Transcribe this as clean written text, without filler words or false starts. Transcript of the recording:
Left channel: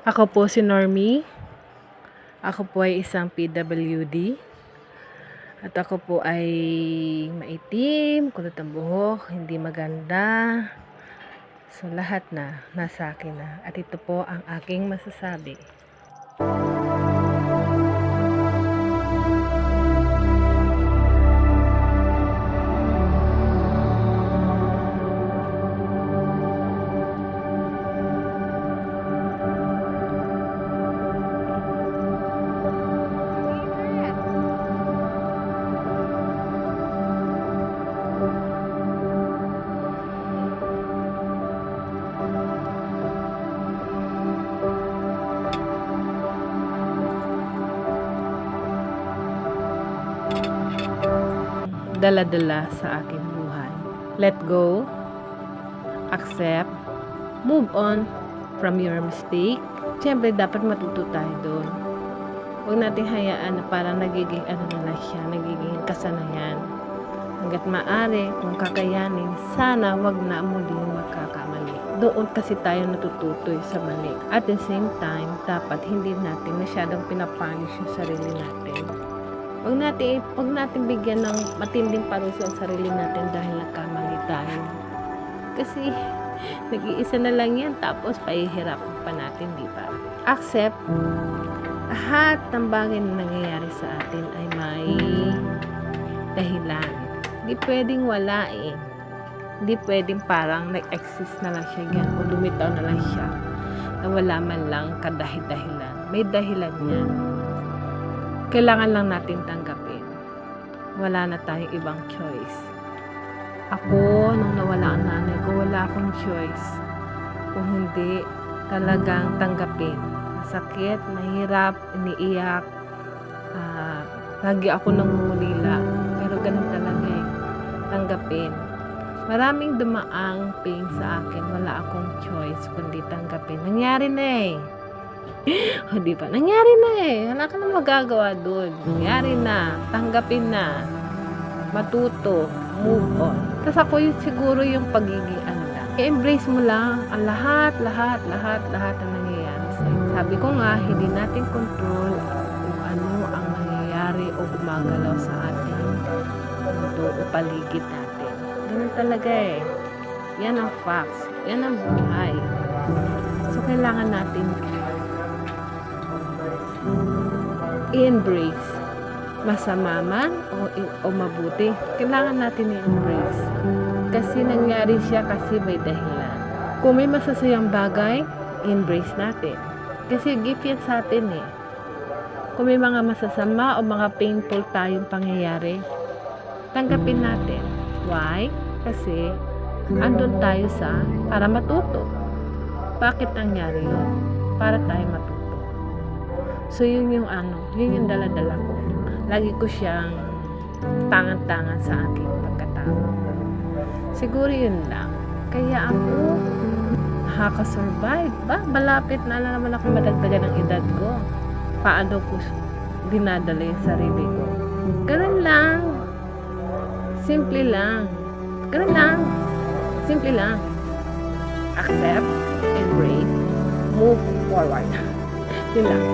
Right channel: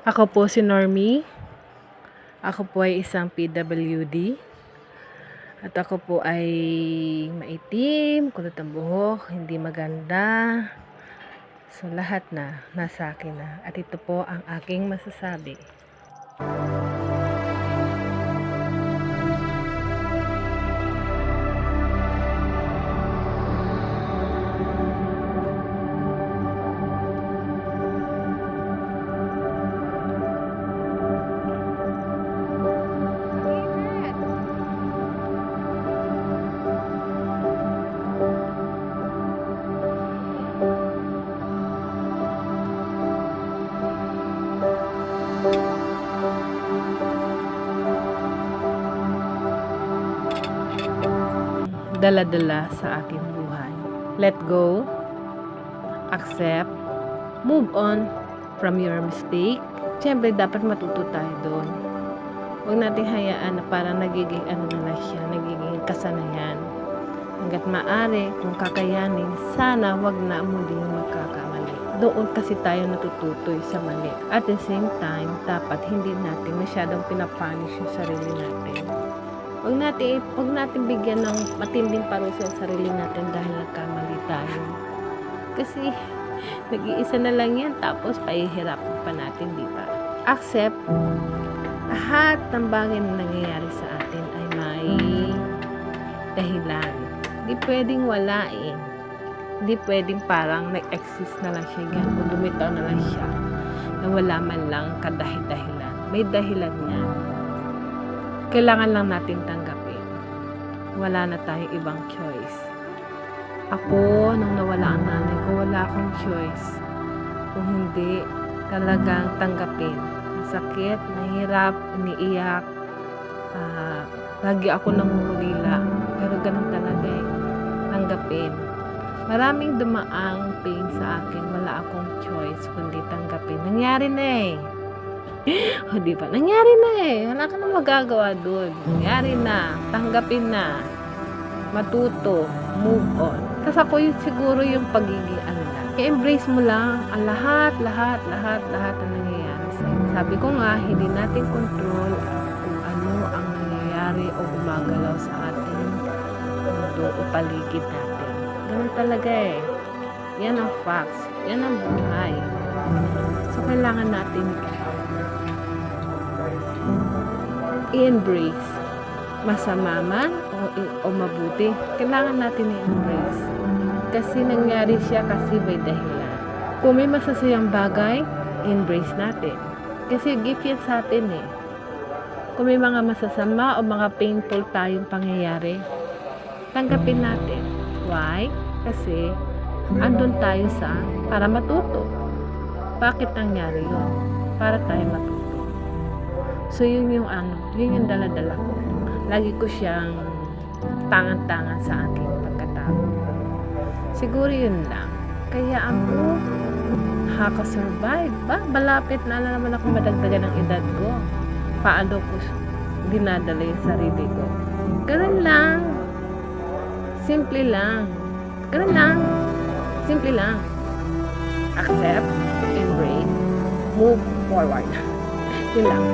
Ako po si Normie. Ako po ay isang PWD. At ako po ay maitim, kulot ang buhok, hindi maganda. So lahat na nasa akin na. At ito po ang aking masasabi. Dala-dala sa aking buhay. Let go, accept, move on from your mistake. Siyempre, dapat matuto tayo doon. Huwag natin hayaan na parang nagiging na lang siya, nagiging kasanayan. Hanggat maaari, kung kakayanin, sana wag na muling magkakamali. Doon kasi tayo natututoy sa mali. At the same time, dapat hindi natin masyadong pinapunish yung sarili natin. Huwag natin bigyan ng matinding parusa ang sarili natin dahil nagkamali tayo. Kasi nag-iisa na lang yan, tapos pahihirapan pa natin, di ba? Accept, lahat ng bagay na nangyayari sa atin ay may dahilan. Di pwedeng wala eh. Di pwedeng parang nag-exist na lang siya yan o lumitaw na lang siya na wala man lang kadahilan. May dahilan yan. Kailangan lang natin tanggapin. Wala na tayong ibang choice. Ako, nung nawala ang nanay ko, wala akong choice. Kung hindi, talagang tanggapin. Masakit, mahirap, iniiyak. Lagi ako nangungulila. Pero ganun talaga eh. Tanggapin. Maraming dumaang pain sa akin. Wala akong choice kundi tanggapin. Nangyari na eh. O diba? Nangyari na eh. Wala ka na magagawa doon. Nangyari na. Tanggapin na. Matuto. Move on. Tapos ako yung siguro yung pagiging I-embrace mo lang ang lahat ang nangyayari sa'yo. Sabi ko nga, hindi natin control kung ano ang nangyayari o gumagalaw sa ating mundo o paligid natin. Ganun talaga eh. Yan ang facts. Yan ang buhay. So, kailangan natin i-embrace. Masama man o mabuti. Kailangan natin i-embrace. Kasi nangyari siya kasi may dahilan. Kung may masasayang bagay, embrace natin. Kasi gift yan sa atin eh. Kung may mga masasama o mga painful tayong pangyayari, tanggapin natin. Why? Kasi andun tayo para matuto. Bakit nangyari yun? Para tayo matuto. So yun yung yun yung dala-dala ko. Lagi ko siyang tangan-tangan sa aking pagkatao. Siguro yun lang. Kaya ako nakaka-survive ba? Malapit na naman ako madagdagan ng edad ko. Paano ko dinadala yung sarili ko? Ganun lang. Simple lang. Ganun lang. Simple lang. Accept, embrace, move forward. Yun lang.